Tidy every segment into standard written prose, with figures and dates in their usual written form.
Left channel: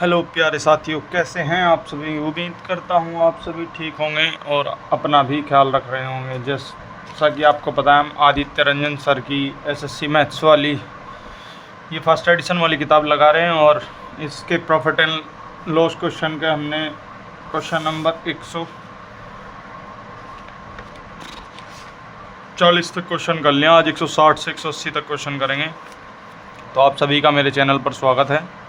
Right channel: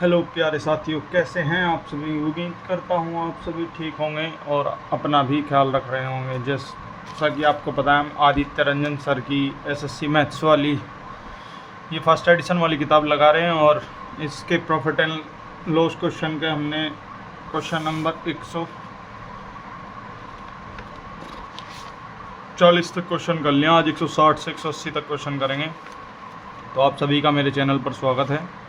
Hello प्यारे साथियों, कैसे हैं आप सभी। उम्मीद करता हूं आप सभी ठीक होंगे और अपना भी ख्याल रख रहे होंगे। जैसा कि आपको पता है, हम आदित्य रंजन सर की एसएससी मैथ्स वाली ये फर्स्ट एडिशन वाली किताब लगा रहे हैं और इसके प्रॉफिट एंड लॉस क्वेश्चन के हमने क्वेश्चन नंबर 140 तक क्वेश्चन कर लिया। आज 160 से 180 तक क्वेश्चन करेंगे। तो आप सभी का मेरे चैनल पर स्वागत है।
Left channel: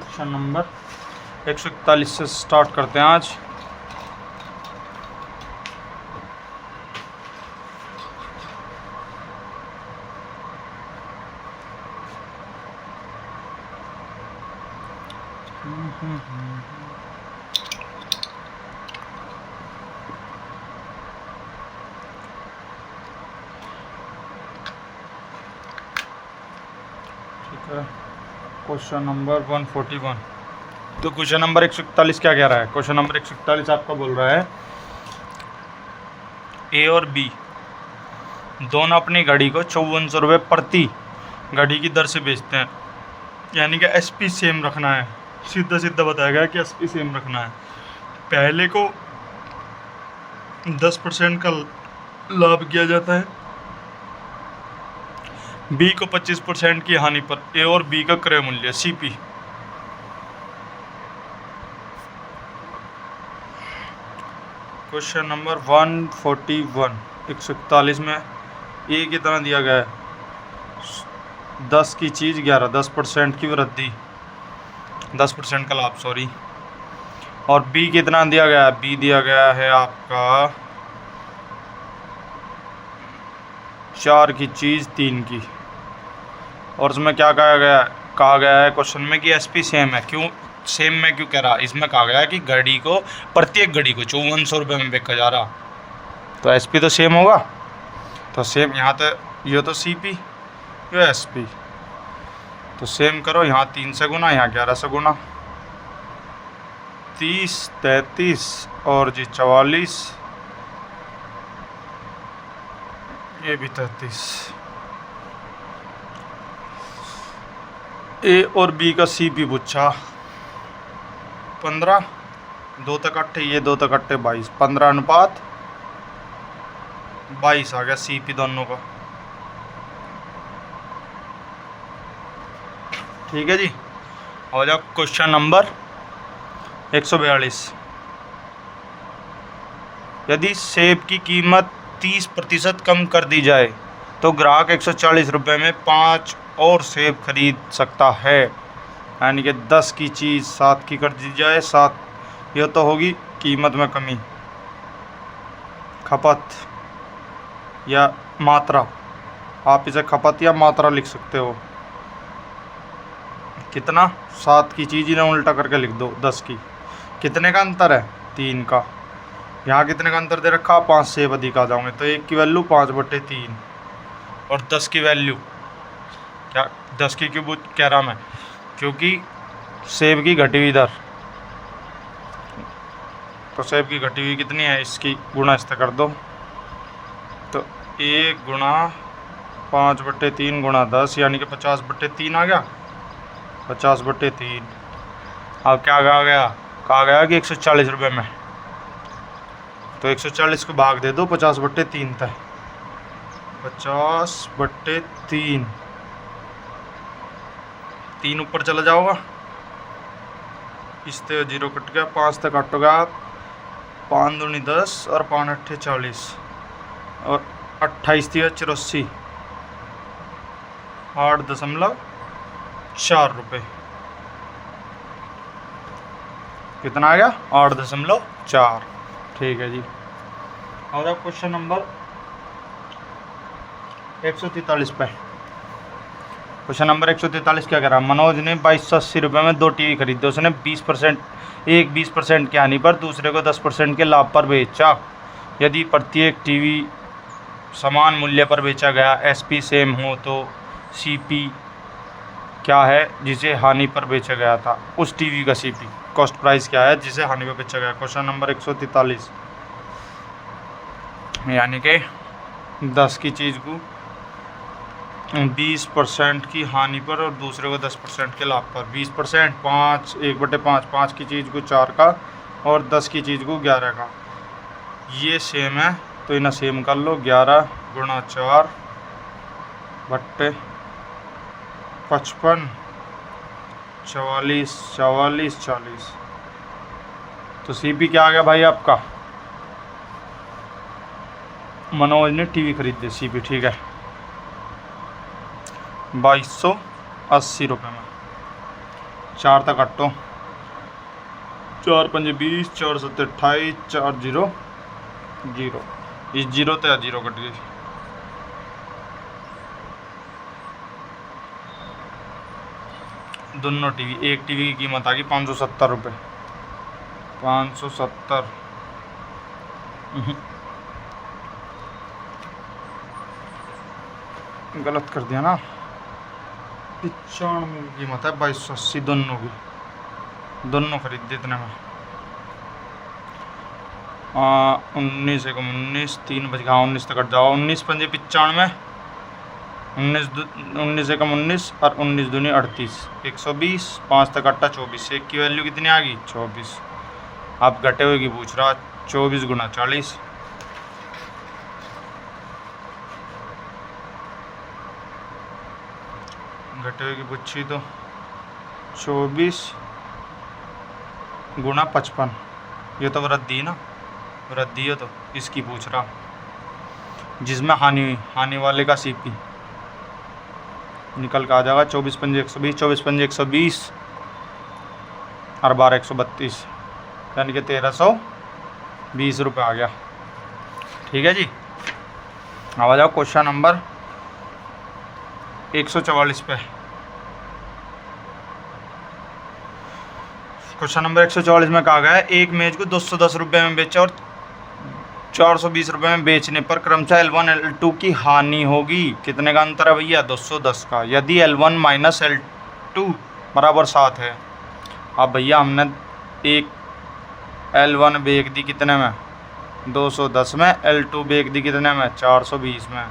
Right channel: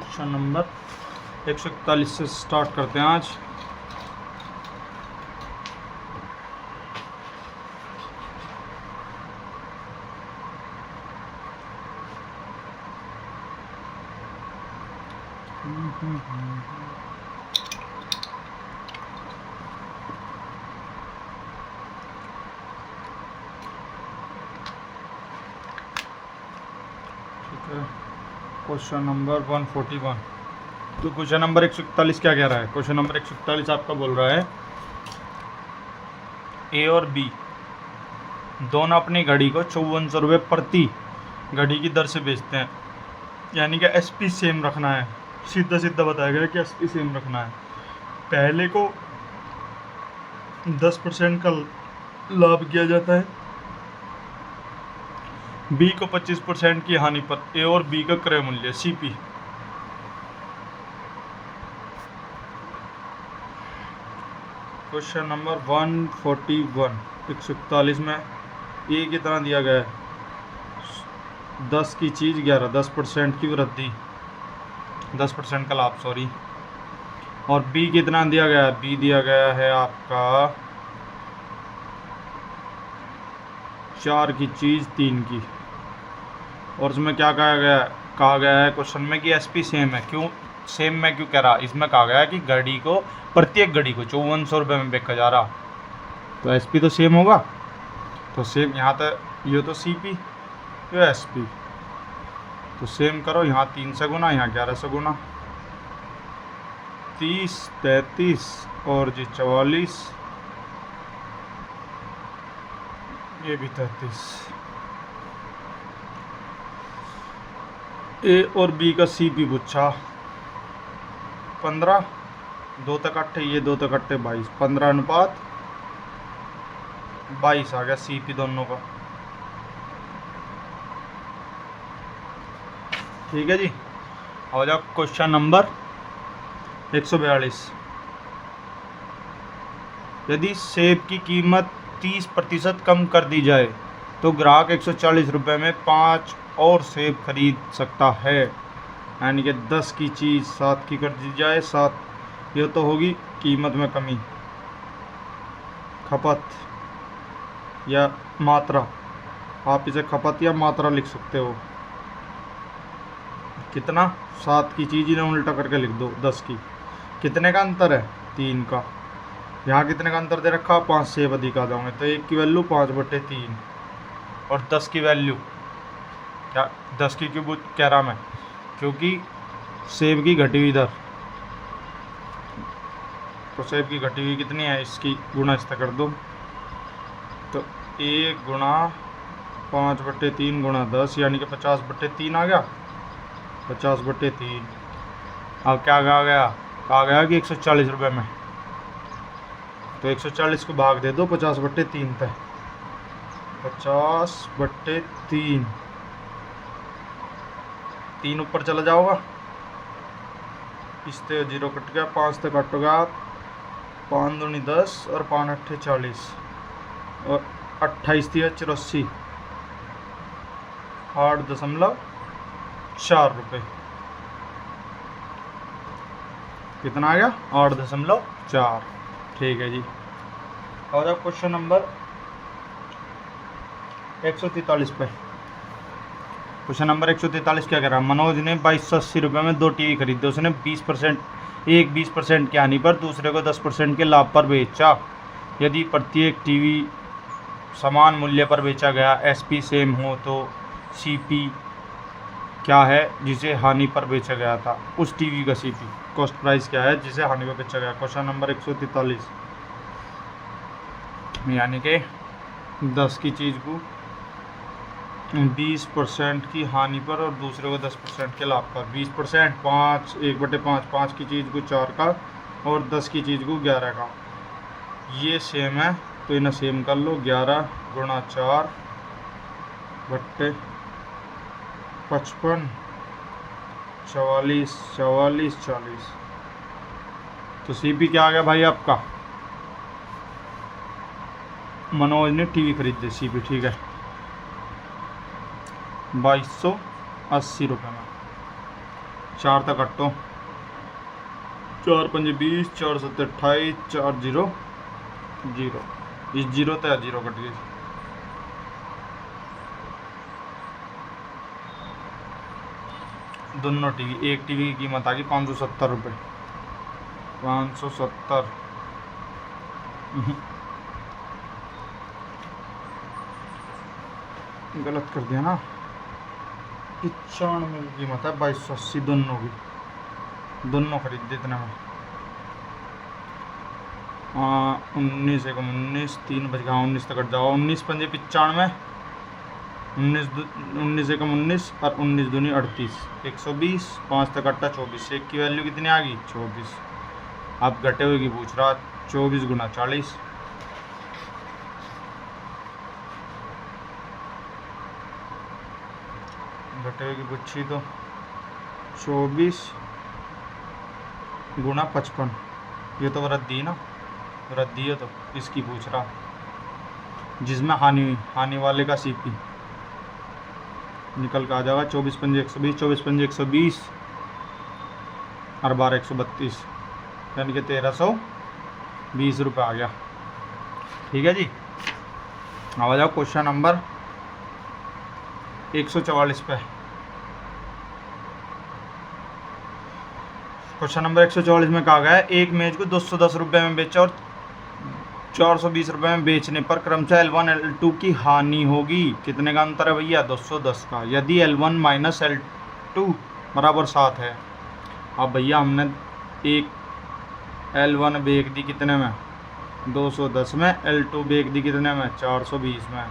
क्वेश्चन नंबर 141 से स्टार्ट करते हैं आज। ठीक है, क्वेश्चन नंबर 141। तो क्वेश्चन नंबर 141 क्या कह रहा है। क्वेश्चन नंबर 141 आपका बोल रहा है, ए और बी दोनों अपनी घड़ी को 5400 रुपये प्रति घड़ी की दर से बेचते हैं। यानी कि एसपी सेम रखना है। सीधा सीधा बताया गया कि एसपी सेम रखना है। पहले को 10% का लाभ किया जाता है, बी को 25% की हानि पर। ए और बी का क्रय मूल्य सीपी। क्वेश्चन नंबर 141 141 में ए कितना दिया गया है, 10 की चीज़ 11, 10% की वृद्धि, 10% का लाभ, सॉरी। और बी कितना दिया गया है, बी दिया गया है आपका 4 की चीज़ 3 की। और उसमें क्या कहा गया है क्वेश्चन में कि एसपी सेम है। क्यों सेम में क्यों कह रहा, इसमें कहा गया है कि घड़ी को, प्रत्येक घड़ी को 5400 रुपये में बेचा जा रहा, तो एसपी तो सेम होगा। तो सेम यहाँ तो ये तो सीपी, ये एसपी, तो सेम करो। यहाँ 3 से गुना, यहाँ 11 से गुना, 30, 33 और जी 44, ये भी 33। ए और बी का सीपी पूछा 15, 2 तक अट्ठे, ये 2 तक अट्ठे 22, 15:22 आ गया सीपी दोनों का। ठीक है जी। हो जाओ क्वेश्चन नंबर 142। यदि सेब की कीमत 30% कम कर दी जाए तो ग्राहक 140 रुपये में 5 और सेब खरीद सकता है। यानी कि 10 की चीज़ 7 की कर दी जाए, 7, यह तो होगी कीमत में कमी, खपत या मात्रा। आप इसे खपत या मात्रा लिख सकते हो। कितना, 7 की चीज़ इन्हें उल्टा करके लिख दो 10 की। कितने का अंतर है, 3 का। यहाँ कितने का अंतर दे रखा, 5 सेब अधिक आ जाओगे, तो 1 की वैल्यू 5/3 और 10 की वैल्यू क्या, 10 की क्यों कह रहा मैं, क्योंकि सेब की घटी हुई दर, तो सेब की घटी हुई कितनी है, इसकी गुणा इससे कर दो, तो 1 गुणा 5/3 गुणा 10, यानी कि 50/3 आ गया, 50/3। अब क्या कहा गया कि 140 रुपये में, तो 140 को भाग दे दो 50/3 तक, 50/3, 3 ऊपर चला जाओगा, इससे 0 कट गया, 5 तक कट गया, 5 दूनी 10 और 5 अट्ठे 40 और 28 थी 84, 8.4 रुपये। कितना आ गया, 8.4। ठीक है जी। और अब क्वेश्चन नंबर 143 पे। क्वेश्चन नंबर 143 क्या कह रहा है, मनोज ने 2280 रुपये में 2 टीवी खरीदे। उसने 20%, एक 20% की हानि पर, दूसरे को 10% के लाभ पर बेचा। यदि प्रत्येक टीवी समान मूल्य पर बेचा गया, एसपी सेम हो, तो सीपी क्या है जिसे हानि पर बेचा गया था, उस टीवी का सीपी, कॉस्ट प्राइस क्या है जिसे हानि पर बेचा गया। क्वेश्चन नंबर 143, यानी कि 10 की चीज़ को 20% की हानि पर और दूसरे को 10% के लाभ पर। 20% 5, 1/5, 5 की चीज़ को 4 का और 10 की चीज़ को 11 का। ये सेम है तो इन्हें सेम कर लो। 11 गुणा 4 बट्टे 55, 44, 44, 40। तो CP क्या आ गया भाई आपका? मनोज ने टीवी खरीदी CP, ठीक है, 2280 रुपये में। 4 तक कटो, 4 5 20, 4 7 28, 4 0 0। इस 0 तो 0 कट गई। दोनों टीवी, एक टीवी की कीमत आ गई 570 रुपये। 570 गलत कर दिया ना। 95 की कीमत है 2280 दोनों की। दोनों खरीदे इतने में। 19 एकम 19, 3 बज गया, 19 तक कट जाओ। 19 पंजे 95, 19 एकम 19 और 19 दूनी 38, 120, 5 तक कट्टा 24। एक की वैल्यू कितनी आ गई? 24। आप घटे हुए की पूछ रहा। 24 गुना 40, घटे हुए की पूछी तो 24 गुना 55। ये तो वृद्धि ना, वृद्धि है तो इसकी पूछ रहा, जिसमें हानि हुई। हानि वाले का CP निकल के आ जाएगा। 24 पंजे 120, 24 पंजे 120 और 12 132, यानी कि 1320 रुपये आ गया। ठीक है जी। अब आ जाओ क्वेश्चन नंबर 144 पे। क्वेश्चन नंबर 144 में कहा गया है, एक मेज को 210 रुपये में बेचा और 420 रुपये में बेचने पर क्रमशः L1 L2 की हानि होगी। कितने का अंतर है भैया? 210 का। यदि L1 माइनस L2 बराबर 7 है। अब भैया हमने एक L1 बेच दी कितने में? 210 में। L2 बेच दी कितने में? 420 में।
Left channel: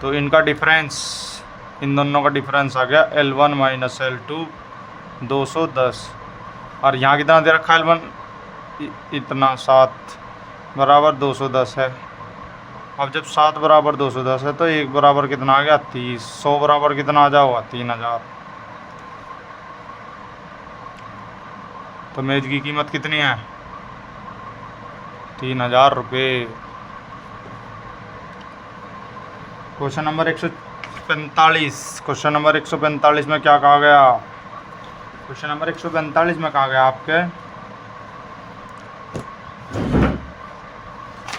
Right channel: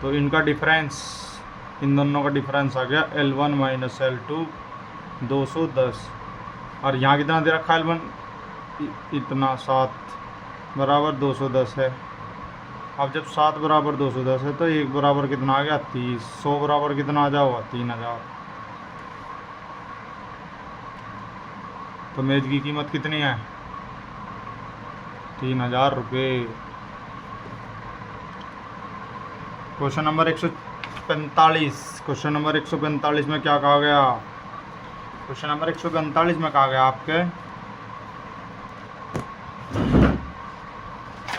तो इनका डिफरेंस, इन दोनों का डिफरेंस आ गया L1 माइनस L2 210। और यहाँ कितना दे रखा है? L1 इतना 7 बराबर 210 है। अब जब 7 बराबर 210 है तो 1 बराबर कितना आ गया? 30। 100 बराबर कितना आ जाओगा? 3000। तो मेज की कीमत कितनी है? 3000 रुपये। Question number 145। क्वेश्चन नंबर 145 में क्या कहा गया? क्वेश्चन नंबर 145 में कहा गया आपके,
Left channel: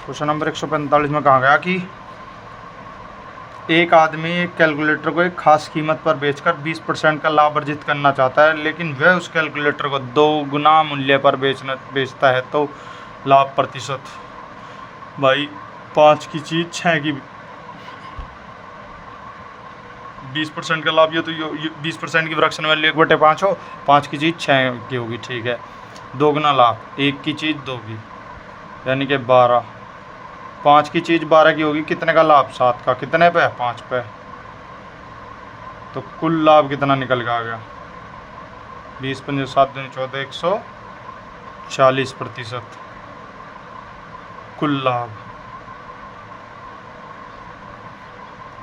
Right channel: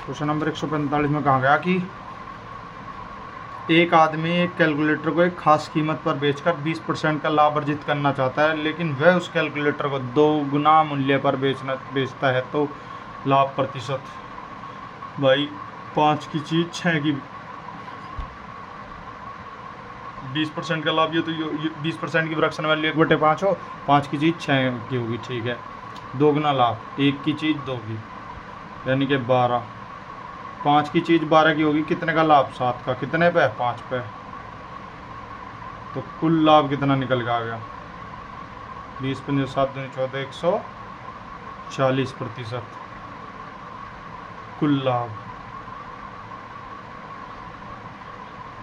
क्वेश्चन नंबर 145 में कहा गया कि एक आदमी एक कैलकुलेटर को एक खास कीमत पर बेचकर 20% का लाभ अर्जित करना चाहता है, लेकिन वह उस कैलकुलेटर को 2 गुना मूल्य पर बेचता है, तो लाभ प्रतिशत। भाई 5 की चीज़ 6 की 20% का लाभ, ये तो 20% की फ्रैक्शन वैल्यू 1/5 हो। 5 की चीज़ 6 की होगी, ठीक है। 2 गुना लाभ, 1 की चीज़ 2 की, यानी कि 12। 5 की चीज़ 12 की होगी, कितने का लाभ? 7 का। कितने पे? 5 पे। तो कुल लाभ कितना निकल के आ गया? 20 पंजे 7 दूनी 14, 140% कुल लाभ।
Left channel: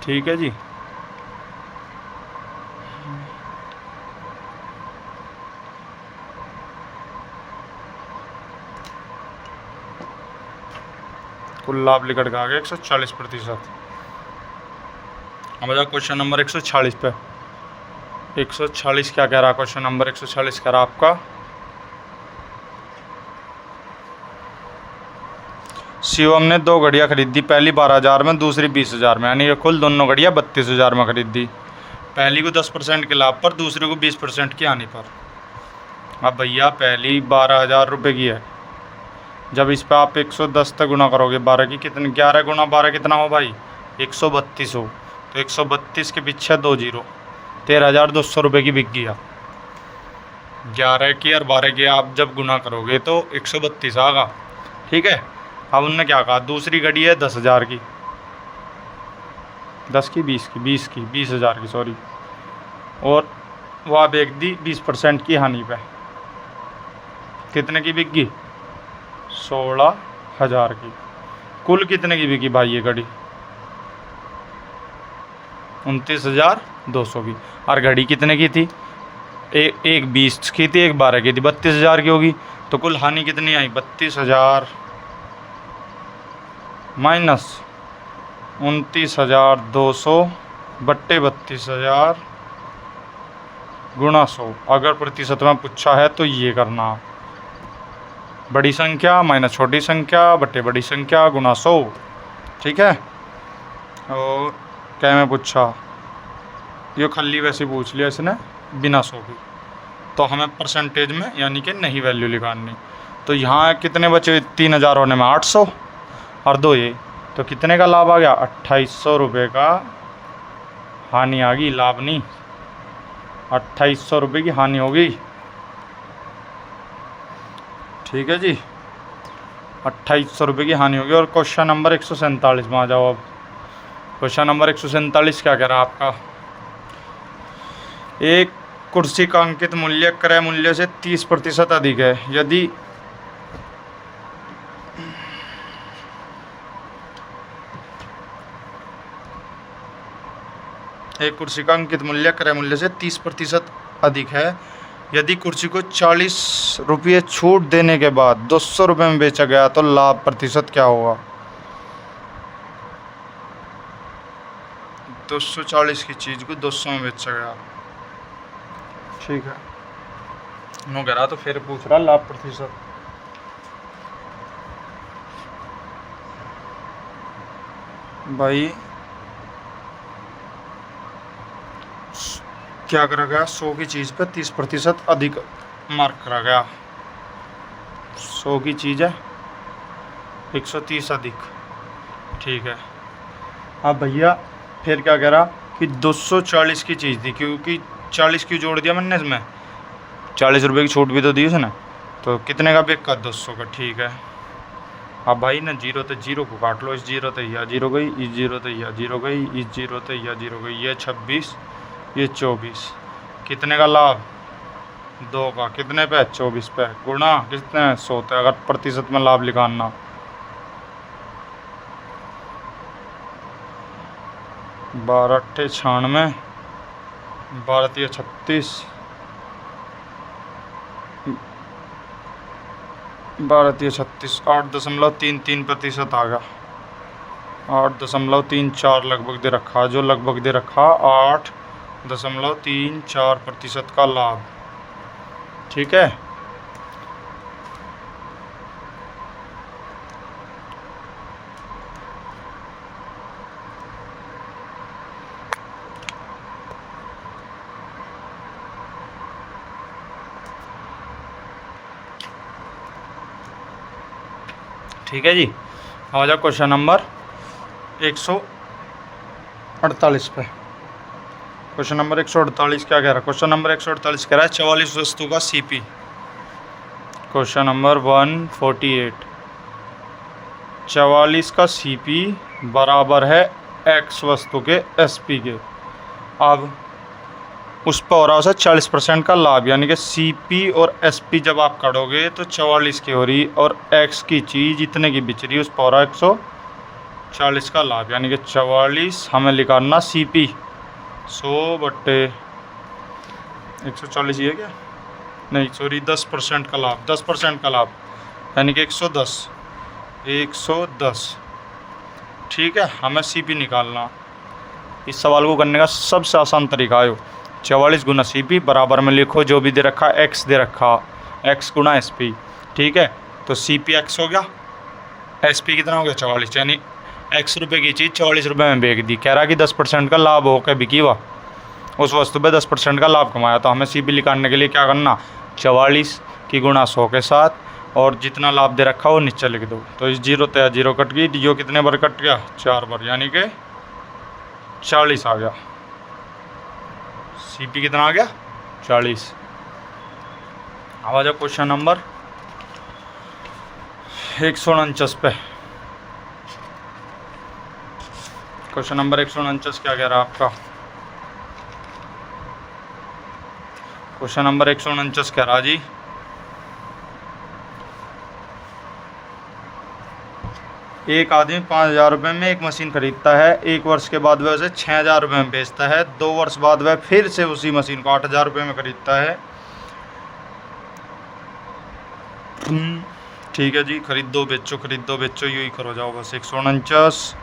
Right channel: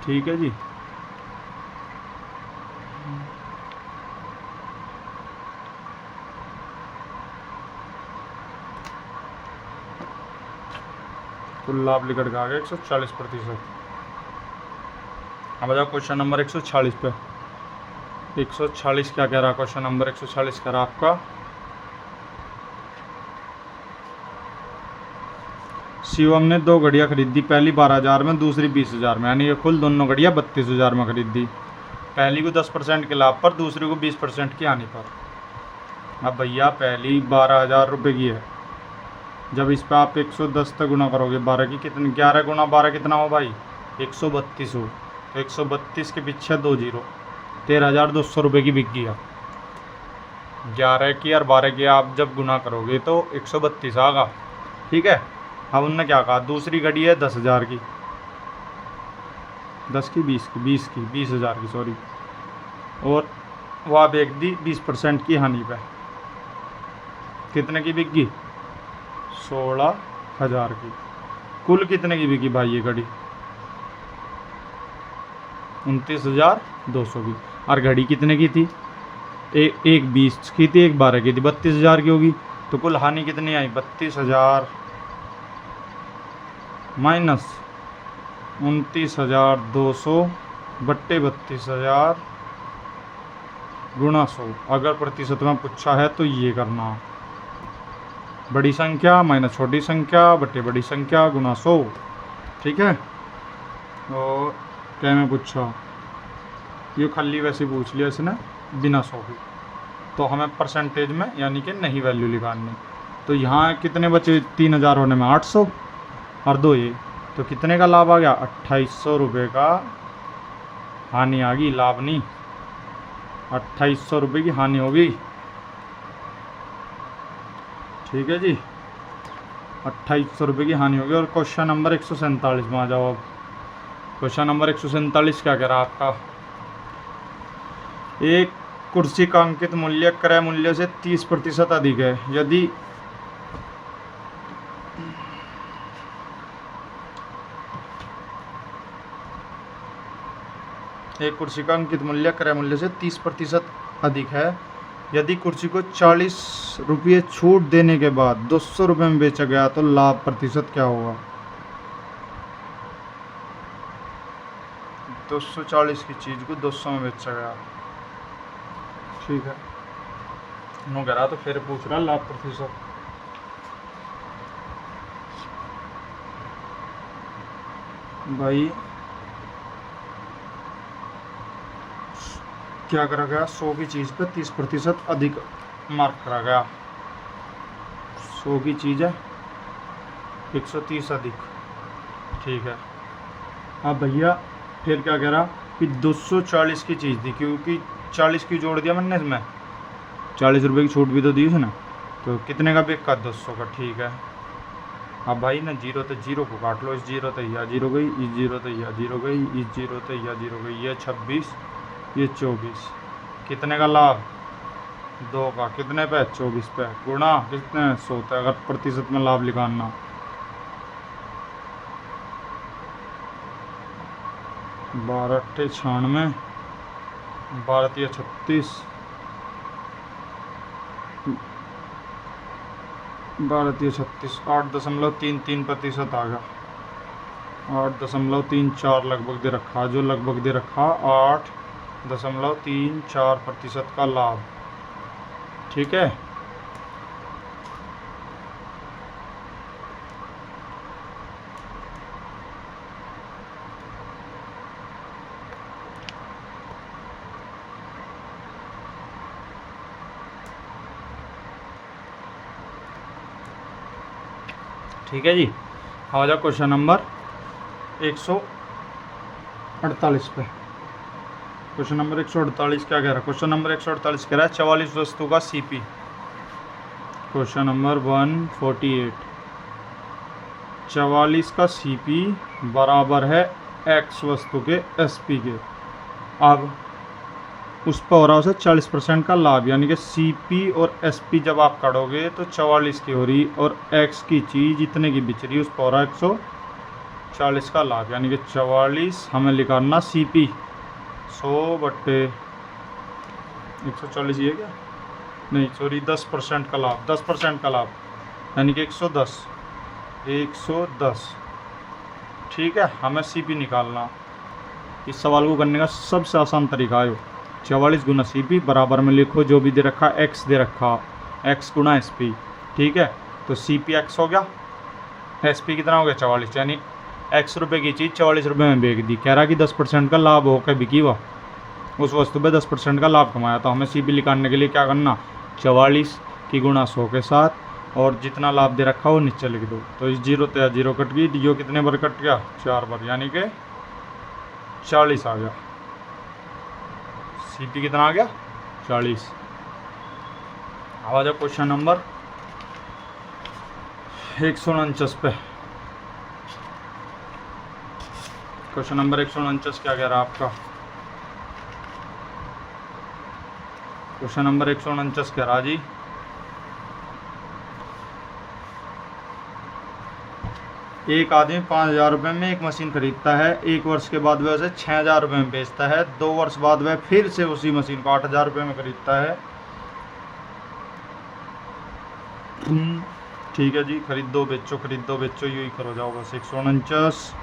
ठीक है जी। कुल लाभ निकल के आ गया 140%। अब बताओ क्वेश्चन नंबर 146 पे। 146 क्या कह रहा? क्वेश्चन नंबर 146 कह रहा आपका, शिवम ने 2 घड़ियाँ खरीदी। पहली 12,000 में, दूसरी 20,000 में, यानी कि कुल दोनों घड़ियाँ 32,000 में खरीदी। पहली को 10% के लाभ पर, दूसरी को 20% की हानि पर। अब भैया पहली 12,000 रुपये की है। जब इस पर आप 110 तक गुना करोगे 12 की, कितने? 11 गुना 12 कितना हो भाई? 132 हो। तो 132 के पीछे 2 0, 13,200 रुपये की बिक गया। 11 की और 12 की आप जब गुना करोगे तो 132 आएगा। ठीक है। अब उनने क्या कहा? दूसरी घड़ी है 10,000 की, 10 की 20 की 20,000 की सॉरी, और वह बेच दी 20% की हानि पे। कितने की बिक गई? 16,000 की। कुल कितने की बिकी भाई ये घड़ी? 29,200 की। और घड़ी कितने की थी? एक 20 की थी, एक 12 की थी, 32,000 की होगी। तो कुल हानि कितनी आई? 32,000 माइनस 29,200 बट्टे 32,000 गुणा 100। अगर प्रतिशत में पूछा है तो ये करना, बड़ी संख्या माइनस छोटी संख्या बट्टे बड़ी संख्या गुणा 100। ठीक है। और क्या में पूछा? ये खली वैसे पूछ लिया इसने बिना 100 की, तो हमें परसेंटेज में यानी कि नहीं वैल्यू निकालनी। तो यहाँ कितने बचे? 3,000 होने में 800 और 2 ये, तो कितने का लाभ आ गया? 2,800 रुपये का हानि आ गई, लाभ नहीं। 2,800 रुपये की हानि हो गई। ठीक है जी, 2,800 रुपये की हानि होगी। और क्वेश्चन नंबर 147 में आ जाओ। अब क्वेश्चन नंबर 147 क्या कह रहा है आपका? एक कुर्सी का अंकित मूल्य क्रय मूल्य से 30% अधिक है। यदि एक कुर्सी का अंकित मूल्य क्रय मूल्य से 30% अधिक है, यदि कुर्सी को 40 रुपये छूट देने के बाद 200 रुपये में बेचा गया तो लाभ प्रतिशत क्या होगा? 240 की चीज़ को 200 में बेचा गया। ठीक है, नो कह रहा तो फिर पूछ रहा लाभ प्रतिशत। भाई क्या करा गया? 100 की चीज़ पर 30% अधिक मार्क करा गया। 100 की चीज़ है 130 अधिक। ठीक है। अब भैया फिर क्या कह रहा कि 240 की चीज़ थी, क्योंकि 40 की जोड़ दिया मैंने इसमें, 40 रुपये की छूट भी तो दी उसने, तो कितने का बिक का? 200 का। ठीक है। अब भाई ना जीरो तो जीरो को काट लो, इस जीरो तो यह जीरो गई, इस जीरो तो यह जीरो गई, इस जीरो तो यह जीरो गई, ये 26 ये 24। कितने का लाभ? 2 का। कितने पे? 24 पे। गुणा कितने? 100 पे। अगर प्रतिशत में लाभ निकालना, 12 अट्ठे 96, 12 तिया 36, 12 तिया 36, 8.33% आ गया। 8.34 लगभग दे रखा, जो लगभग दे रखा 8.34% का लाभ। ठीक है। ठीक है जी। आ जाओ क्वेश्चन नंबर 148 पे। क्वेश्चन नंबर 148 क्या कह रहा है? क्वेश्चन नंबर 148 कह रहा है 44 वस्तु का सीपी। क्वेश्चन नंबर 148, 44 का सीपी बराबर है एक्स वस्तु के एसपी के। अब उस पर हो रहा है 40% का लाभ, यानी कि सीपी और एसपी जब आप काटोगे तो 44 की हो रही, और एक्स की चीज़ जितने की बिच रही है उस पर हो रहा है 140 का लाभ, यानी कि 44 हमें निकालना सीपी 100 बट्टे 140 ये क्या? नहीं सॉरी, 10% का लाभ, 10% का लाभ यानी कि 110। ठीक है, हमें सीपी निकालना। इस सवाल को करने का सबसे आसान तरीका है 44 गुना सीपी बराबर में लिखो जो भी दे रखा एक्स दे रखा, एक्स गुना एसपी। ठीक है, तो सीपी एक्स हो गया, एसपी कितना हो गया? 44, यानी एक्स रुपये की चीज़ 44 रुपये में बेच दी। कह रहा कि 10% का लाभ हो के बिकी हुआ, उस वस्तु पे 10% का लाभ कमाया। तो हमें सीपी निकालने के लिए क्या करना? 44 की गुणा 100 के साथ, और जितना लाभ दे रखा वो नीचे लिख दो। तो इस जीरो तो जीरो कट गई, जो कितने बार कट गया? 4 बार, यानी कि 40 आ गया। सीपी कितना आ गया? 40। आ जाओ क्वेश्चन नंबर 149 पे। क्वेश्चन नंबर 149 क्या कह रहा है आपका? क्वेश्चन नंबर 149 कह रहा जी, एक आदमी 5,000 रुपये में एक मशीन खरीदता है। 1 वर्ष के बाद वह उसे 6,000 रुपये में बेचता है। 2 वर्ष बाद वह फिर से उसी मशीन को 8,000 रुपये में खरीदता है। ठीक है जी, खरीदो बेचो यही करो जाओ बस। 149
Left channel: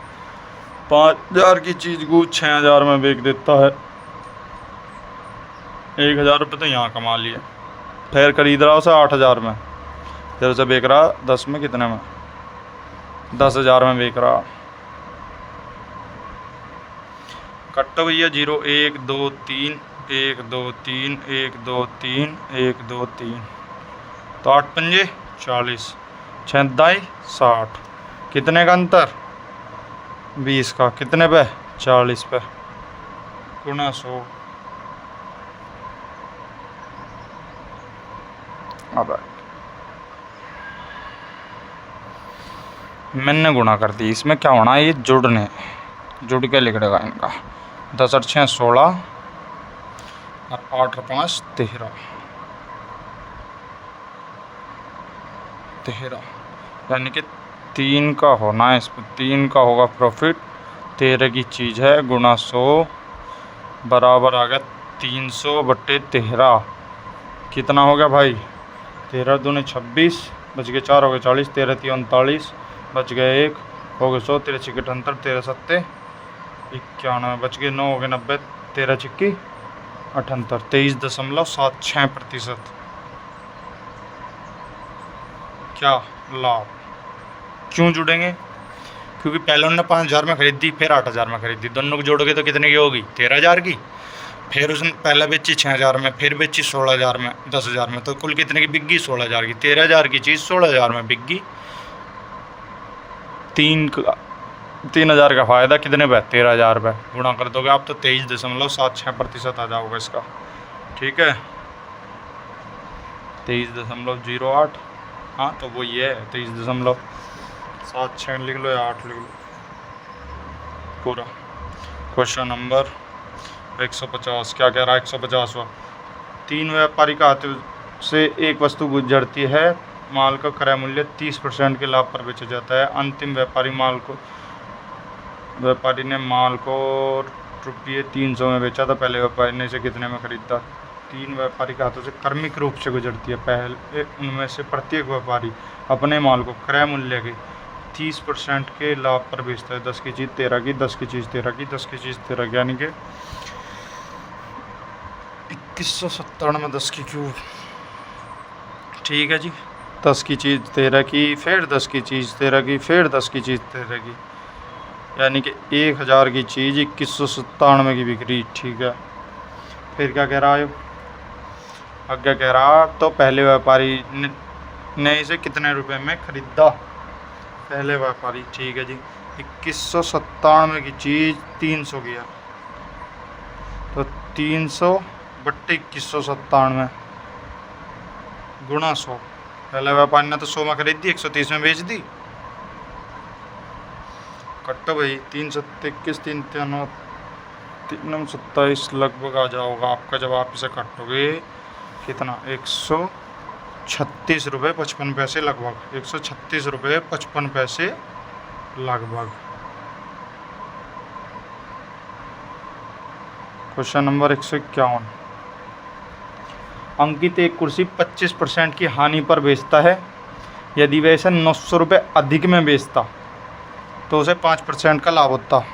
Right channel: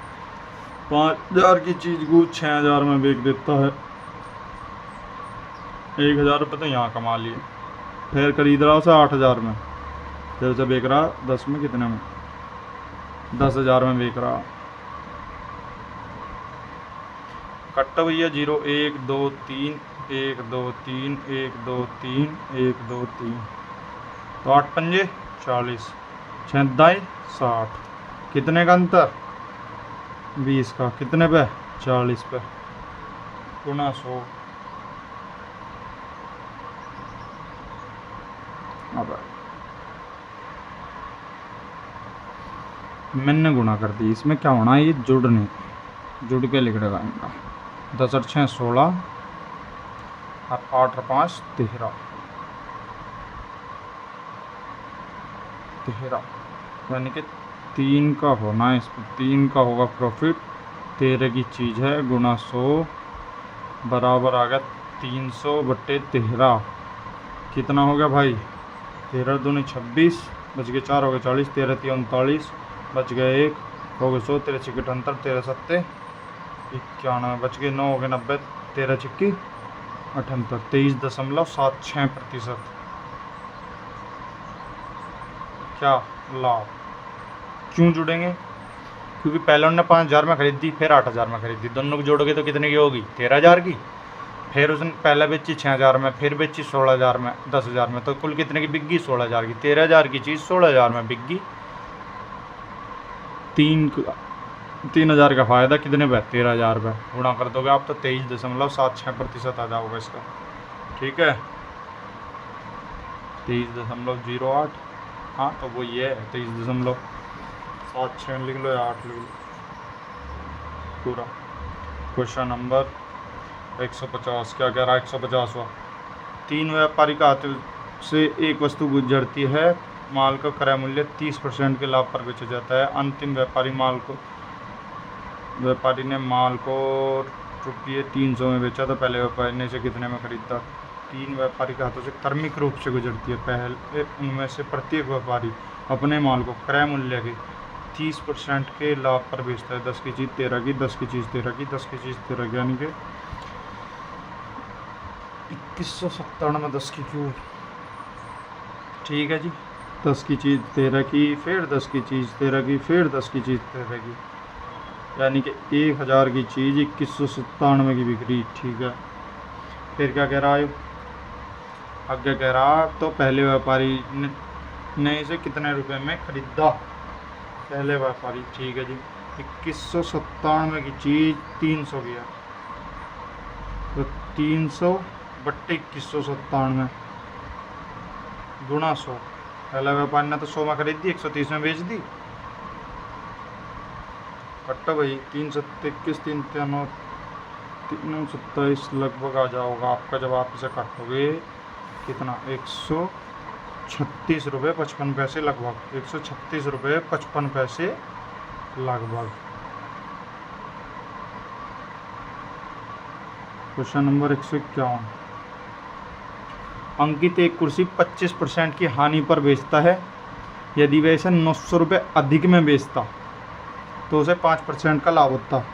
5,000 की चीज़ को 6,000 में बेच देता है। 1,000 रुपये तो यहाँ कमा लिए। फिर खरीद रहा उसे 8,000 में, फिर उसे बेच रहा 10 में, कितने में? 10,000 में बेच रहा। कट्टो भैया 0 1 2 3 1 2 3 1 2 3 1 2 3, तो 8 पंजे 40, 6 दाई 60, कितने का अंतर? 20 का, कितने पे? 40 पे, गुना 100। अब मैंने गुणा कर दी, इसमें क्या होना है? ये जुड़ के लिख देगा इनका। 10 और 6 16 और 8 और 5 13, यानी कि 3 का होना है इसमें। 3 का होगा प्रॉफिट। 13 की चीज़ है, गुना 100 बराबर आ गया 300/13। कितना हो गया भाई? 13 दूनी 26, बच गए 4, हो गए 40, 13 3 39, बच गए 1, हो गए 100, 13 6 78, 13 7 91, बच गए 9, हो गए 90, 13 6 78, 23.76%। क्या लाभ? क्यों जुड़ेंगे? क्योंकि पहले उन्होंने 5,000 में खरीदी, फिर 8,000 में खरीदी, दोनों को जोड़ोगे तो कितने की होगी? 13,000 की। फिर उसने पहले बेची 6,000 में, फिर बेची 16,000 में, 10,000 में, तो कुल कितने की बिक गई? 16,000 की। 13,000 की चीज़ 16,000 में बिक गई। 3,000 का फ़ायदा कितने पे? 13,000 पे। गुणा कर दोगे आप तो 23.76% आ जाओगे इसका। ठीक है, 23.08। हाँ तो वो ये है 23.76 लिख लो या 8 लिख लो पूरा। क्वेश्चन नंबर 150 क्या कह रहा है? 150वां, 3 व्यापारी का हाथ से एक वस्तु गुजरती है। माल का क्रय मूल्य 30% के लाभ पर बेचा जाता है। अंतिम व्यापारी ने माल को रुपये 300 में बेचा था। पहले व्यापारी ने इसे कितने में खरीदा? 3 व्यापारी के हाथों से क्रमिक रूप से गुजरती है। पहले उनमें से प्रत्येक व्यापारी अपने माल को क्रय मूल्य के 30% के लाभ पर बेचता है। 10 की चीज़ 13 की, 10 की चीज़ 13 की, 10 की चीज़ 13 की, यानी कि 2197 में 10 की क्यूब। ठीक है जी, 10 की चीज़ 13 की, फिर 10 की चीज़ 13 की, फिर 10 की चीज़ 13 की, यानी कि 1,000 की चीज़ 2197 की बिक रही। ठीक है, फिर क्या कह रहा है? अब क्या कह रहा? तो पहले व्यापारी ने इसे कितने रुपए में खरीदा? पहले व्यापारी, ठीक है जी, 2197 की चीज़ 300 की है, तो 300/2197 गुणा 100। पहले व्यापारी ने तो 100 में खरीद दी, 130 में बेच दी। कट्टो भाई, 3 7 21 3 3 3 27 लगभग आ जाओगा आपका। जब आप इसे काटोगे कितना? 136 रुपये 55 पैसे लगभग। 136 रुपये 55 पैसे लगभग। क्वेश्चन नंबर 151, अंकित एक कुर्सी 25% की हानि पर बेचता है। यदि वह इसे 900 रुपये अधिक में बेचता तो उसे 5% का लाभ होता।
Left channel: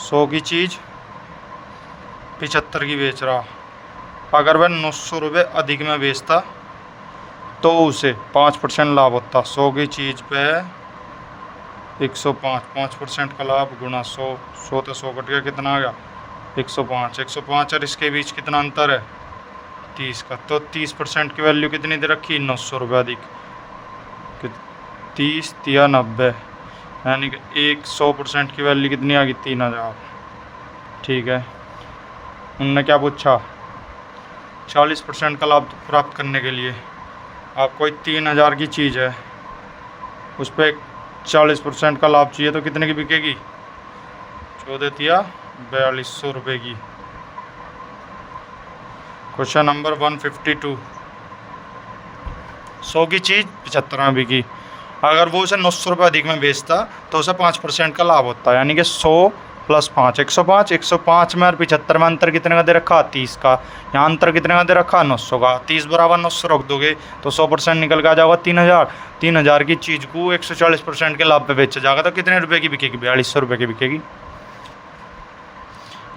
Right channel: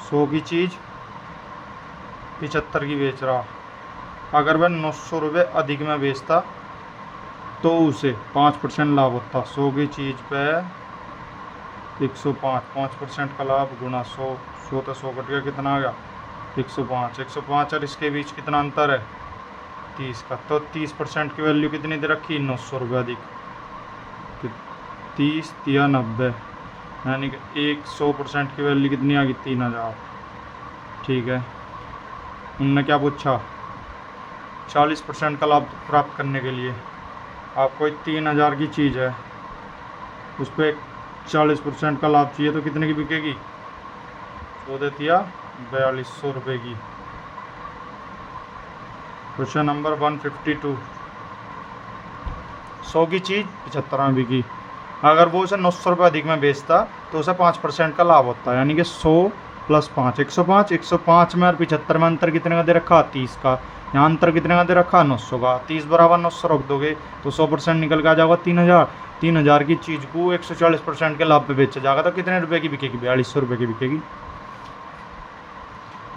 100 की चीज़ 75 की बेच रहा। अगर वह 900 रुपये अधिक में बेचता तो उसे 5% लाभ होता। 100 की चीज़ पे 105, 5% का लाभ गुणा 100। 100 तो 100 कट गया, कितना आ गया? 105। 105 और इसके बीच कितना अंतर है? 30 का। तो 30% की वैल्यू कितनी दे रखी? 900 रुपये अधिक। 30 या 90, यानी कि 100% की वैल्यू कितनी आ गई? 3,000। ठीक है, उनने क्या पूछा? 40% का लाभ प्राप्त करने के लिए आप कोई 3,000 की चीज़ है, उस पर 40% का लाभ चाहिए तो कितने की बिकेगी? वो दे दिया 4200 रुपये की। क्वेश्चन नंबर 152, 100 की चीज़ 75 में बिकी, अगर वो उसे 900 रुपये अधिक में बेचता तो उसे 5% का लाभ होता है, यानी कि 100 + 5 105, 105 में और 75 में अंतर कितने का दे रखा, 30 का। यहाँ अंतर कितने का दे रखा, 900 का। 30 बराबर 900 रख दोगे तो 100% निकल के आ जाएगा 3000। 3000 की चीज़ को 140% के लाभ पे बेचा जाएगा तो कितने रुपए की बिकेगी, 4200 रुपये की बिकेगी।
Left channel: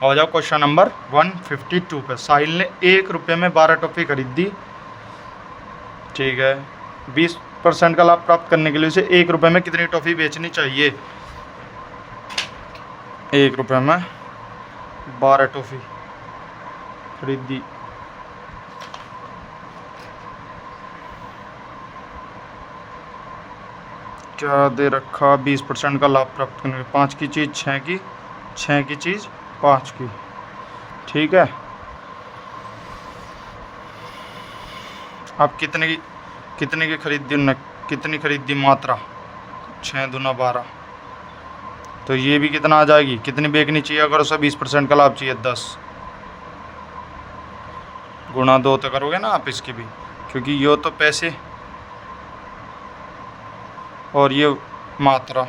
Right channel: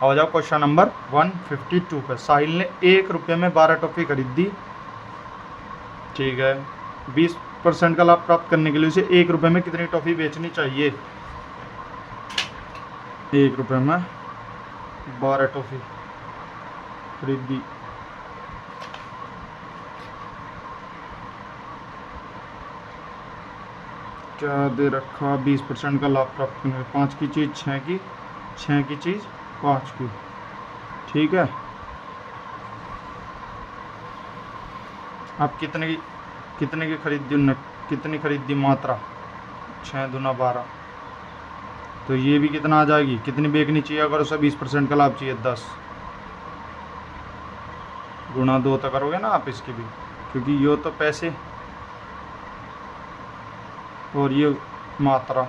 आ जाओ क्वेश्चन नंबर 152 पे। साहिल ने 1 रुपये में 12 टॉफ़ी खरीदी, ठीक है। 20% का लाभ प्राप्त करने के लिए उसे 1 रुपये में कितनी टॉफ़ी बेचनी चाहिए। 1 रुपये में 12 टॉफ़ी खरीदी, क्या दे रखा, 20% का लाभ प्राप्त करने के, 5 की चीज़ 6 की, 6 की चीज़ 5 की, ठीक है। अब कितने की खरीदी उन्होंने, कितनी खरीदी मात्रा, 6 दूना 12, तो ये भी कितना आ जाएगी, कितनी बेचनी चाहिए अगर उसे 20% का लाभ चाहिए, 10 गुणा 2 तो करोगे ना आप इसकी भी, क्योंकि ये तो पैसे और ये मात्रा,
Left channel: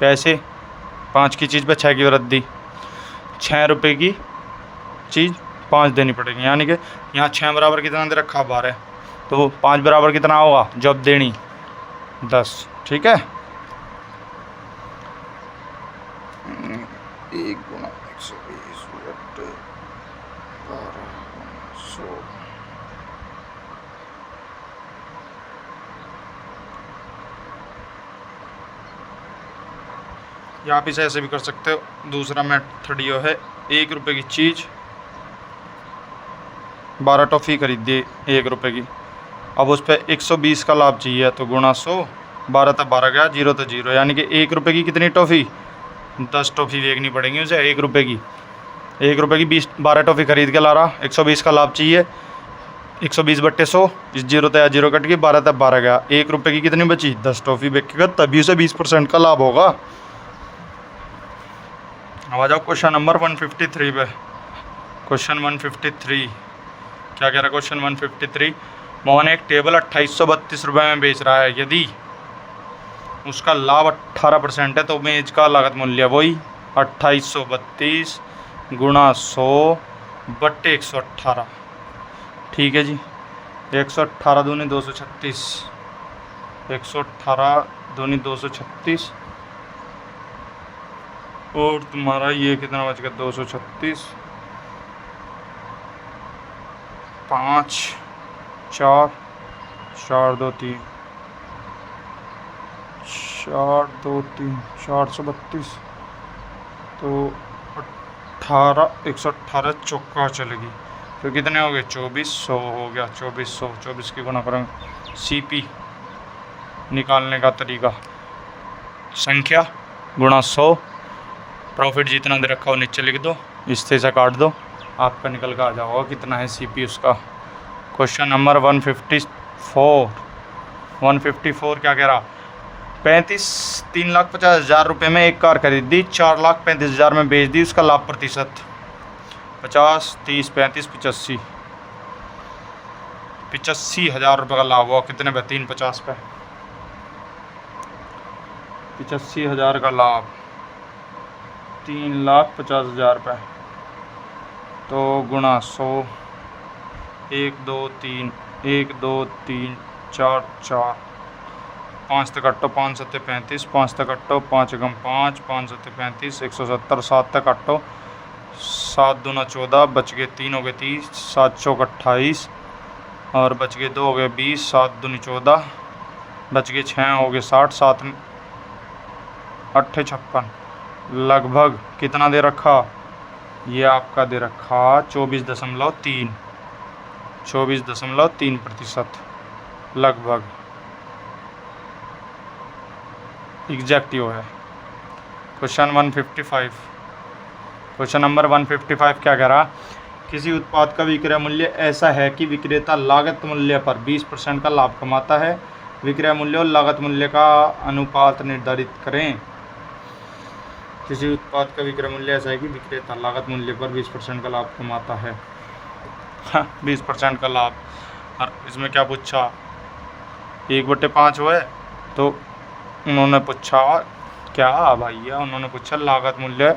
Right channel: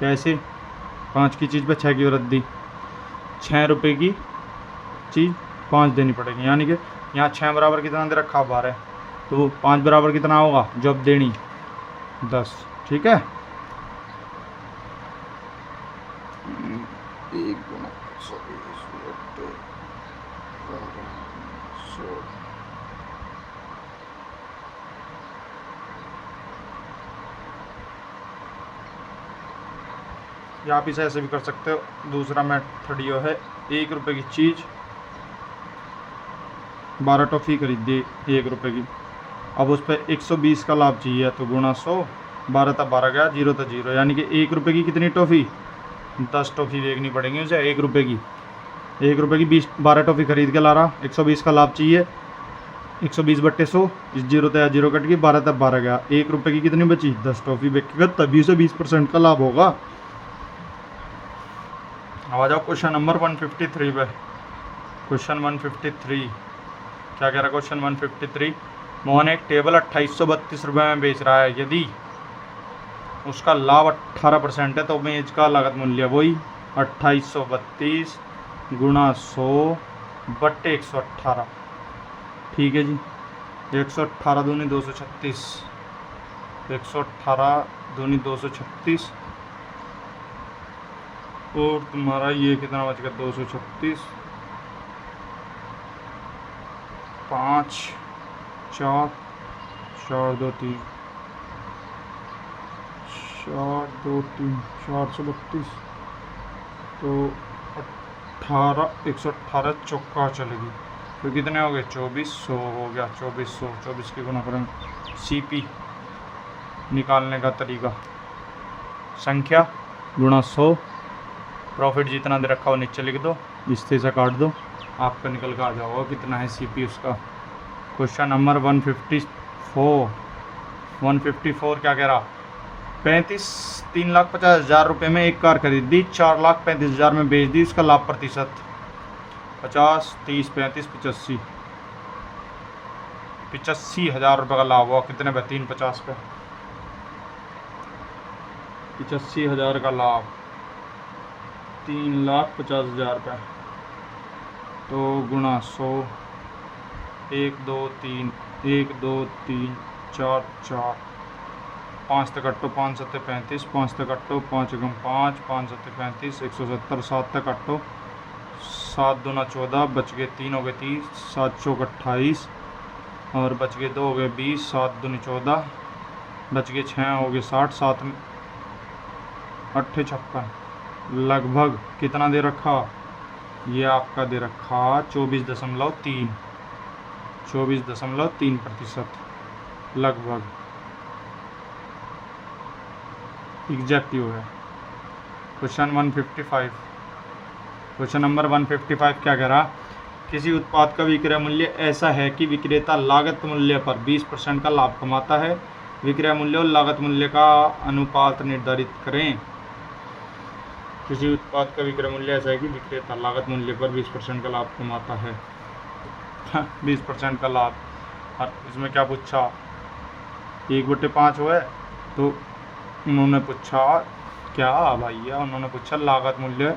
पैसे 5 की चीज़ पे 6 की वृद्धि, 6 रुपये की चीज़ 5 देनी पड़ेगी, यानी कि यहाँ 6 बराबर कितना दे रखा, 12, तो 5 बराबर कितना होगा जब देनी, 10, ठीक है। 1 गुना 120 या आप इसे ऐसे भी कर सकते हो। दूसरा मेथड ये है, 1 रुपये की चीज़ 12 टॉफ़ी खरीदी 1 रुपये की, अब उस पर 120 का लाभ चाहिए तो गुणा 100, 12 तो 12 गया, 0 तो 0, यानी कि 1 रुपये की कितनी टॉफ़ी, 10 टॉफ़ी देखनी पड़ेगी उसे 1 रुपये की। 1 रुपये की 12 टॉफ़ी खरीद के ला रहा, 120 का लाभ चाहिए, 120 बट्टे 100, इस 0 तो 0 कट गई, 12 तो 12 गया, 1 रुपये की कितनी बची, 10 टॉफ़ी बेचेगा तभी उसे 20% का लाभ होगा। अब आ जाओ क्वेश्चन नंबर 153 पे। क्वेश्चन 153 क्या कह रहा है, क्वेश्चन 153, मोहन एक टेबल 2832 रुपये में बेच रहा है, यदि उसका लाभ 18% है तो मेज का लागत मूल्य वही 2832 गुणा 100 बट्टे 118, ठीक है जी। 118 दूनी 236, 118 दूनी 236 और तुम्हारा ये कितना बच गया, 236, 5 4 4 2 3 4 2 3 432, तो 18 118 चौका चलेगी, तो कितने हो गए, 2400 हो गया, 2400, 24 की गुणा करेंगे, CP निकालने का तरीका, संख्या गुणा 100, प्रॉफिट जितना दे रखा हो नीचे लिख दो, इससे से काट दो, आपका निकल कर आ जाओगा कितना है CP उसका। क्वेश्चन नंबर 154 क्या कह रहा, 3,50,000 रुपये में एक कार खरीदी, 4,35,000 में बेच दी, उसका लाभ प्रतिशत 50 30 35 85, 85,000 रुपये का लाभ हुआ, कितने पे, 350 पे, 85,000 का लाभ, 3,50,000 रुपये, तो गुणा 100, 1 2 3 1 2 3 4 4, 5 तक कट्टो, 5 7 35, 5 तक कट्टो, 5 गम 5, 5 7 35, 170, 7 तक कट्टो, 7 दूना 14, बच गए 3 हो गए 30, 7 चौक 28 और बच गए 2 हो गए 20, 7 दूनी 14, बच गए 6 हो गए 60, 7 8 56, लगभग कितना दे रखा, ये आपका दे रखा 24.3% लगभग, एग्जैक्ट यो है। क्वेश्चन 155, क्वेश्चन नंबर 155 क्या कह रहा, किसी उत्पाद का विक्रय मूल्य ऐसा है कि विक्रेता लागत मूल्य पर 20% का लाभ कमाता है, विक्रय मूल्य और लागत मूल्य का अनुपात निर्धारित करें। किसी उत्पाद का विक्रय मूल्य ऐसा है कि विक्रेता लागत मूल्य पर 20% का लाभ कमाता है। 20% का लाभ। और इसमें क्या पूछा, 1/5 हुआ है, तो उन्होंने पूछा क्या भैया, उन्होंने पूछा लागत मूल्य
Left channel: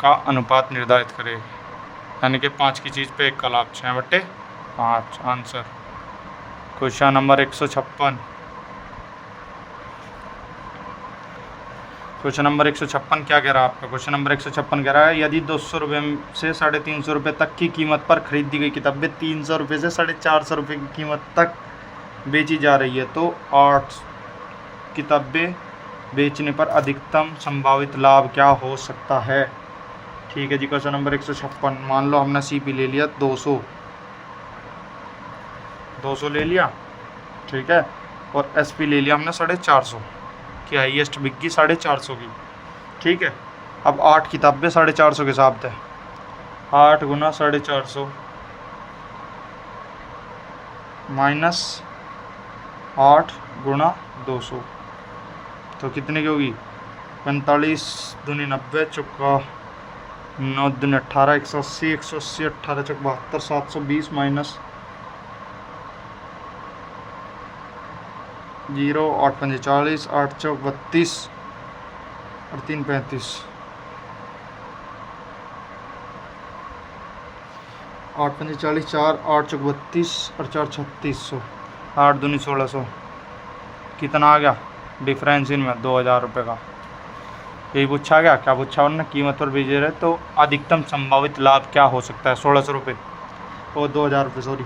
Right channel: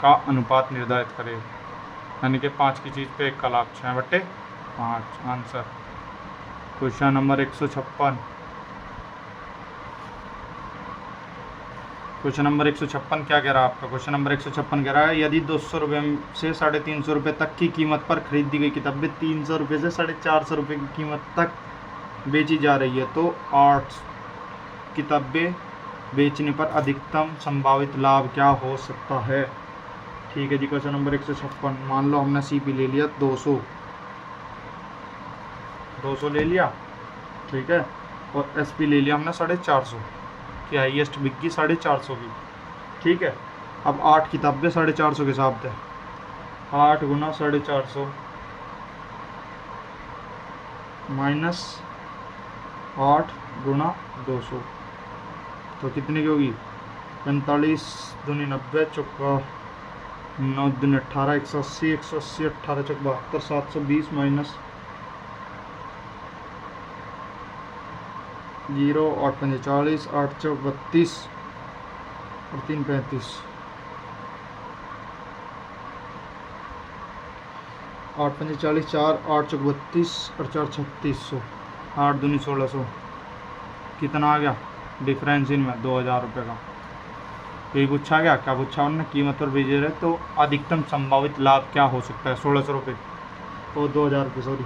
का अनुपात निर्धारित करे, यानी कि 5 की चीज़ पे 1 का लाभ, 6/5 answer. Question number 156। Question number 156 क्या कह रहा है आपका? क्वेश्चन नंबर 156 कह रहा है यदि 200 रुपये से 350 रुपये तक की कीमत पर खरीदी गई किताबें 300 रुपये से 450 रुपये की कीमत तक बेची जा रही है तो 8 किताबें बेचने पर अधिकतम संभावित लाभ क्या हो सकता है? ठीक है जी। क्वेश्चन नंबर 156, मान लो हमने CP ले लिया 200 ले लिया, ठीक है, और SP ले लिया हमने 450 की, हाईएस्ट बिकी 450 की, ठीक है। अब 8 किताबें 450 के हिसाब से, 8 गुना 450 माइनस 8 गुना 200, तो कितने की होगी? 45 दूनी 90, चौका 9 दूनी 18, 180, 180 18 चौक 72, 720 माइनस 0, 8 पंजे 40, 8 चौक 32 और 3 35, 8 पंजे 40, 4 8 चौक 32 और 4 3600, 8 दूनी 1600, कितना आ गया डिफरेंस इनमें? 2000 रुपये का। यही पूछा गया। क्या पूछा उन्होंने? कीमत पर बेचे रहे तो अधिकतम संभावित लाभ क्या हो सकता है? 1600 रुपये और 2000 रुपये, सॉरी,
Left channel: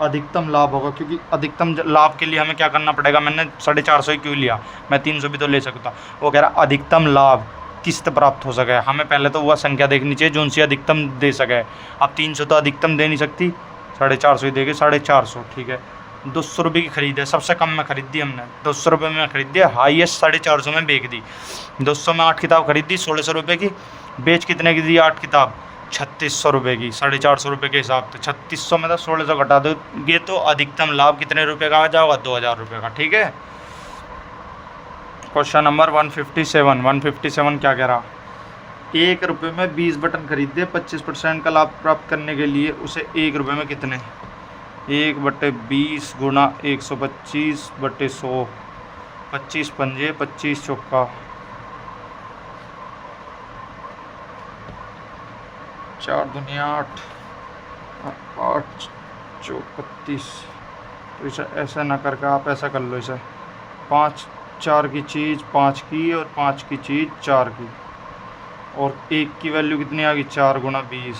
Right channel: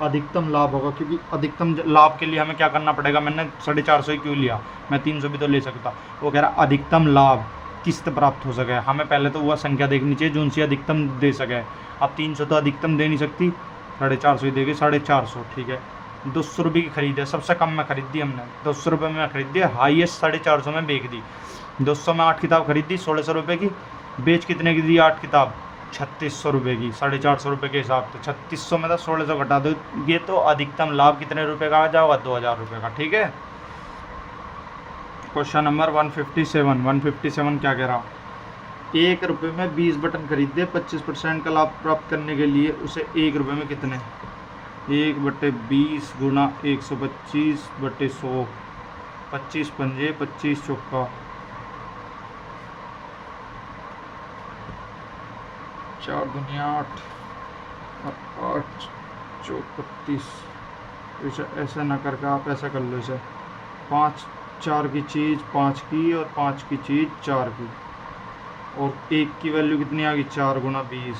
अधिकतम लाभ होगा, क्योंकि अधिकतम लाभ के लिए हमें क्या करना पड़ेगा? मैंने 450 ही क्यों लिया, मैं 300 भी तो ले सकता। वो कह रहा अधिकतम लाभ किस्त प्राप्त हो सके, हमें पहले तो वह संख्या देखनी चाहिए जो उनसे अधिकतम दे सके। अब 300 तो अधिकतम दे नहीं सकती, 450 ही देगी, 450, ठीक है। 200 रुपये की खरीद है, सबसे कम में खरीद दी हमने, 200 रुपये में खरीद दी, हाईएस्ट 450 में बेच दी। 200 में 8 किताब खरीद दी 1600 रुपये की, बेच कितने की दी? 8 किताब 3600 रुपये की, 450 रुपये के हिसाब से 3600 में तो 1600 घटा दोगे तो अधिकतम लाभ कितने रुपये का आ जाएगा? 2000 रुपये का, ठीक है। क्वेश्चन नंबर 157 क्या कह रहा? 1 रुपये में 20 बटन खरीदे, 25% का लाभ प्राप्त करने के लिए उसे 1 रुपये में कितने? 1/20 गुणा 125/100, 25 पंजे 25 चौका 4 दुनिया 8, 8 चौक 32। तो इसे ऐसा ना करके आप ऐसा कर लो, इसे 5 4 की चीज़ 5 की और 5 की चीज़ 4 की, और 1 की वैल्यू कितनी आ गई? 4 गुना 20,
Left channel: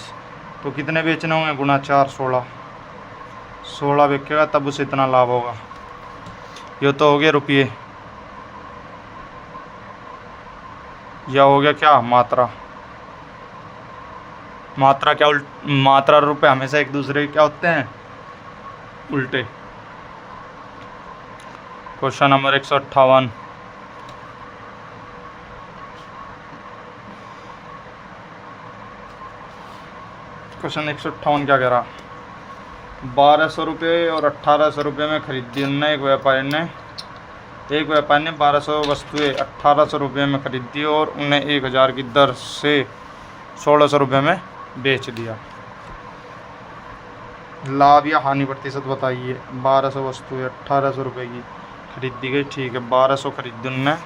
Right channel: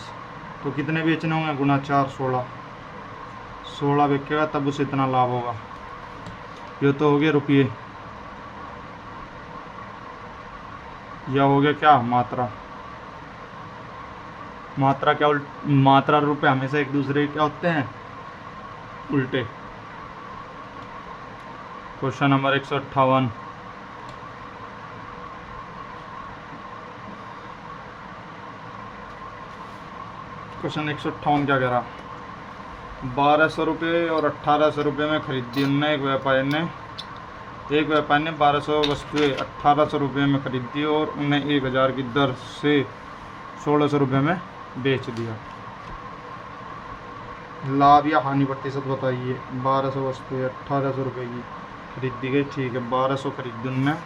तो कितने बेचने होंगे? गुना 4 16 बेचेगा तब उसे इतना लाभ होगा। ये तो हो गया रुपये, या हो गया क्या? मात्रा क्या मात्रा और रुपये हमेशा एक दूसरे के क्या होते हैं? उल्टे। क्वेश्चन नंबर 158, क्वेश्चन 158 क्या कह रहा? 1200 रुपये और 1800 रुपये में खरीदी उनने, एक व्यापारी ने 1200 वस्तुएं 1800 रुपये में खरीदी और उन्हें 1000 की दर से 1600 रुपये में बेच दिया। लाभ या हानि प्रतिशत बताइए। 1200 वस्तुएं 1800 रुपये की खरीदी गई, ठीक है। 1200 खरीदी उनने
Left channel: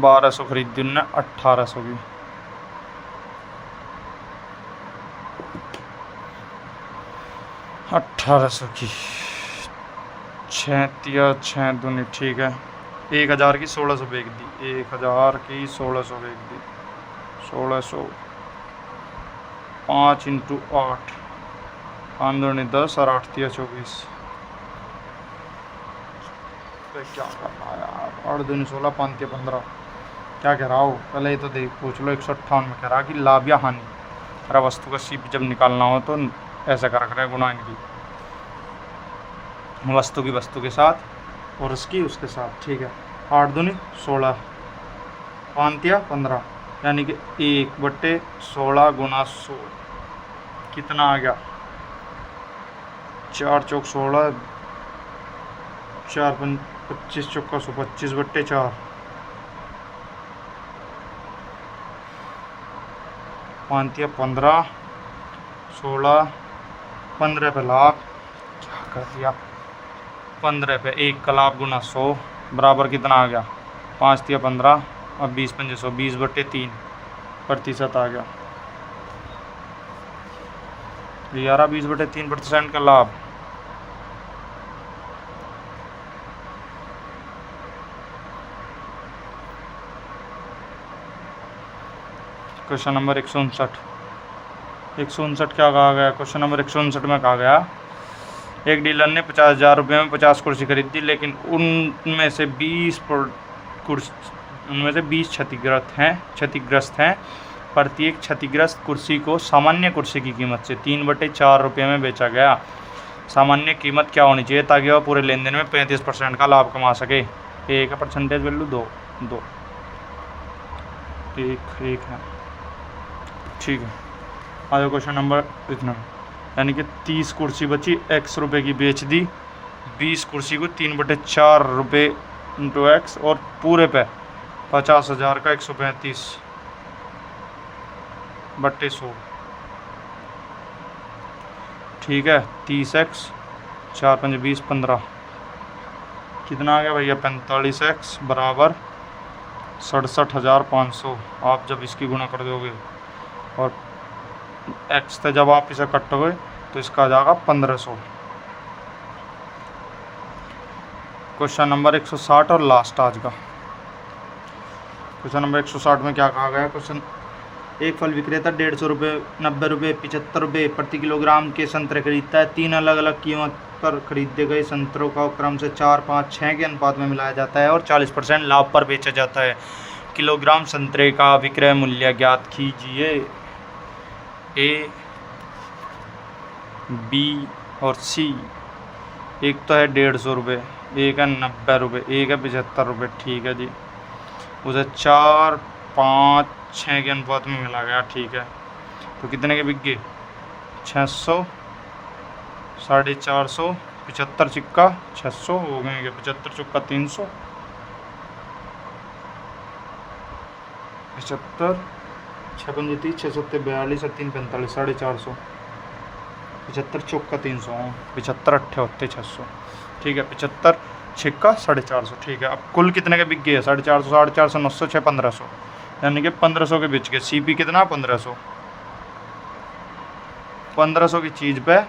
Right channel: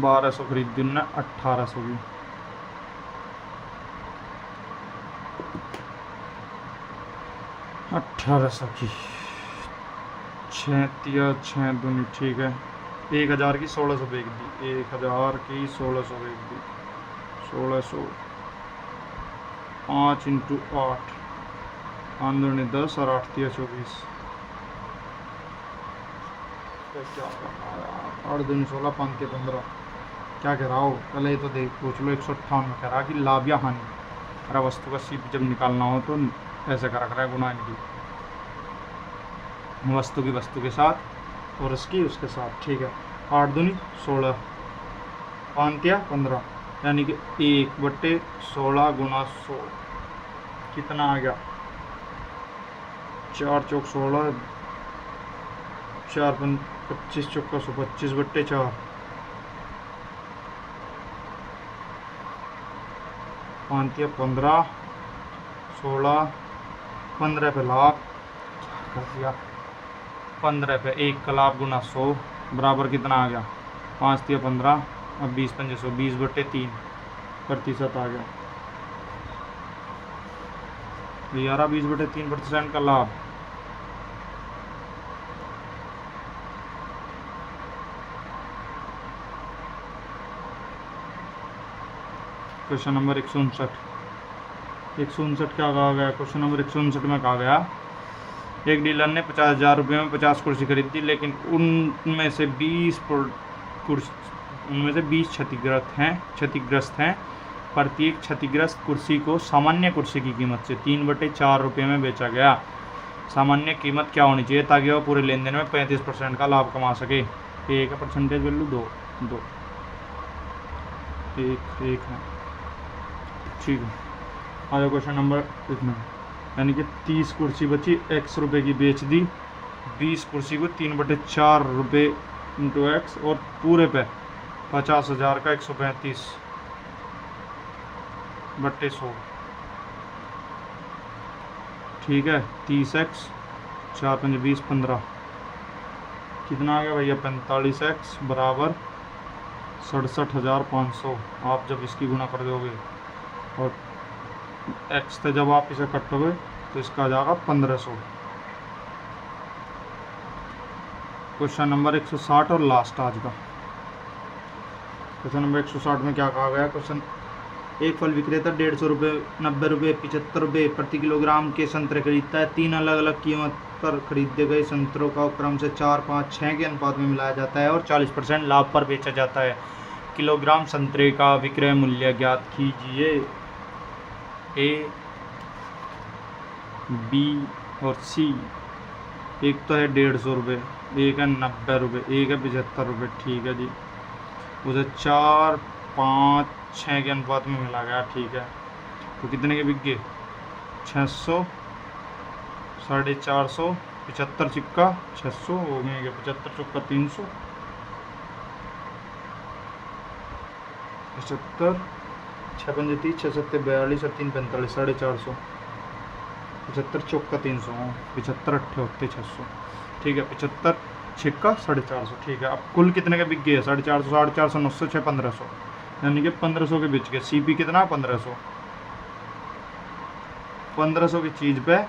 1800 की, की 6 दूनी, ठीक है। 1000 की 1600 बेच दी, 1000 की 1600 बेच दी, 1600 5 × 8, 5 दूनी 10 और 8 × 24, क्या करना है? 8 दूनी 16, 5 × 15, क्या कह रहा हो? पहले ये तो देख पूछ लो। 158 में कह रहा कि लाभ या हानि, अरे वस्तु का सीप जब निकालना हो तो ऐसा कर रखना है, गुना इनकी, वस्तु की वस्तु के साथ और उसकी उसके साथ, ठीक है। 8 दूनी 16, 5 × 15, यानी कि 1/16 गुना 100, कितना आ गया? 4 चौक 16, 4 25 चौका 100, 25/4, 5 या 15, 16, 15 पे लाख कर दिया, 15 पे 1 का लाख गुना 100 बराबर कितना आ गया 5 या 15 और 20 पंजे 100, 20/3% आ गया। ये आ रहा 20/3% का लाभ। क्वेश्चन नंबर 159 क्या कहा गया? क्वेश्चन नंबर 159 में कहा गया एक डीलर ने 50,000 रुपये में 50 कुर्सी खरीदी, लेकिन उनमें से 20 क्षतिग्रस्त हैं। प्रत्येक क्षतिग्रस्त कुर्सी को सामान्य कुर्सी की कीमत से 3/4 रुपये में बेचा गया। सामान्य कीमत क्या होनी चाहिए ताकि वह पूरे लेन देन में 35% का लाभ कमा सके? एक है परसेंटेज वैल्यू, दो एक है, ठीक है। आज क्वेश्चन नंबर इतना, यानी कि 30 कुर्सी बची, x रुपये की बेच दी, 20 कुर्सी को 3/4 रुपये इंटू एक्स और पूरे पे 50,000 का 135/100, ठीक है। 30x 4 5 20 15 कितना आ गया भैया 45x बराबर 67,500। आप जब इसकी गुणा कर दोगे और x से जब आप इसे कटोगे तो इसका आ जाएगा 1500। क्वेश्चन नंबर 160 और लास्ट आज का क्वेश्चन नंबर 160 में क्या कहा गया? क्वेश्चन, एक फल विक्रेता 150 रुपये, 90 रुपये, 75 रुपये प्रति किलोग्राम के संतरे खरीदता है। 3 अलग अलग कीमत पर खरीदे गए संतरों का क्रम से 4, 5, 6 के अनुपात में मिलाया जाता है और 40% लाभ पर बेचा जाता है। किलोग्राम संतरे का विक्रय मूल्य ज्ञात कीजिए। ए, बी और सी। एक तो है 150 रुपये, एक है 90 रुपये, एक है 75 रुपये, ठीक है जी। उसे 4, 5, 6 के अनुपात में मिला गया, ठीक है। तो कितने के बिक गए? 600, 450, 75 चिक्का 600 हो गए, 75 चुक्का 300, 75, 6 पंजे 30, 6 सत्ते 42 और 3 45, 450, 75 चौका 300, 75 अट्ठे होते 600, ठीक है। 75 छिक्का 450, ठीक है। अब कुल कितने के बिक गए? 450, 450, 900, 6, 1500, यानी कि 1500 के बिच गए। सीपी कितना? 1500। 1500 की चीज़ पे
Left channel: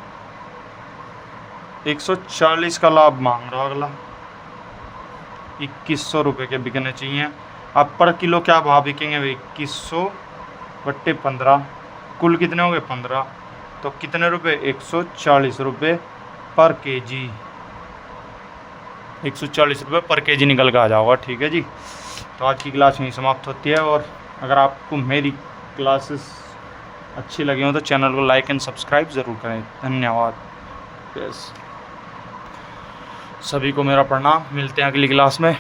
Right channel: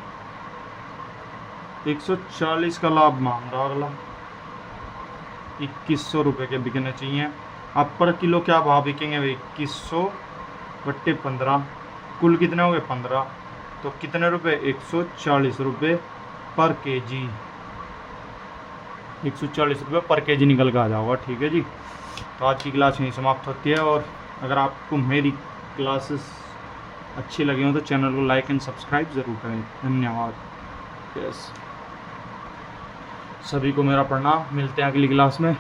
140 का लाभ मांग रहा। अगला 2100 रुपये के बिकने चाहिए। अब पर किलो क्या भाव बिकेंगे भाई? 2100/15, कुल कितने हो गए? 15, तो कितने रुपए? 140 रुपये पर केजी। 140 रुपये पर केजी निकल कर आ जाओगा, ठीक है जी। तो आज की क्लास यहीं समाप्त होती है, और अगर आपको मेरी क्लासेस अच्छी लगी हो तो चैनल को लाइक एंड सब्सक्राइब ज़रूर करें। धन्यवाद। यस, सभी को मेरा प्रणाम। मिलते हैं अगली क्लास में।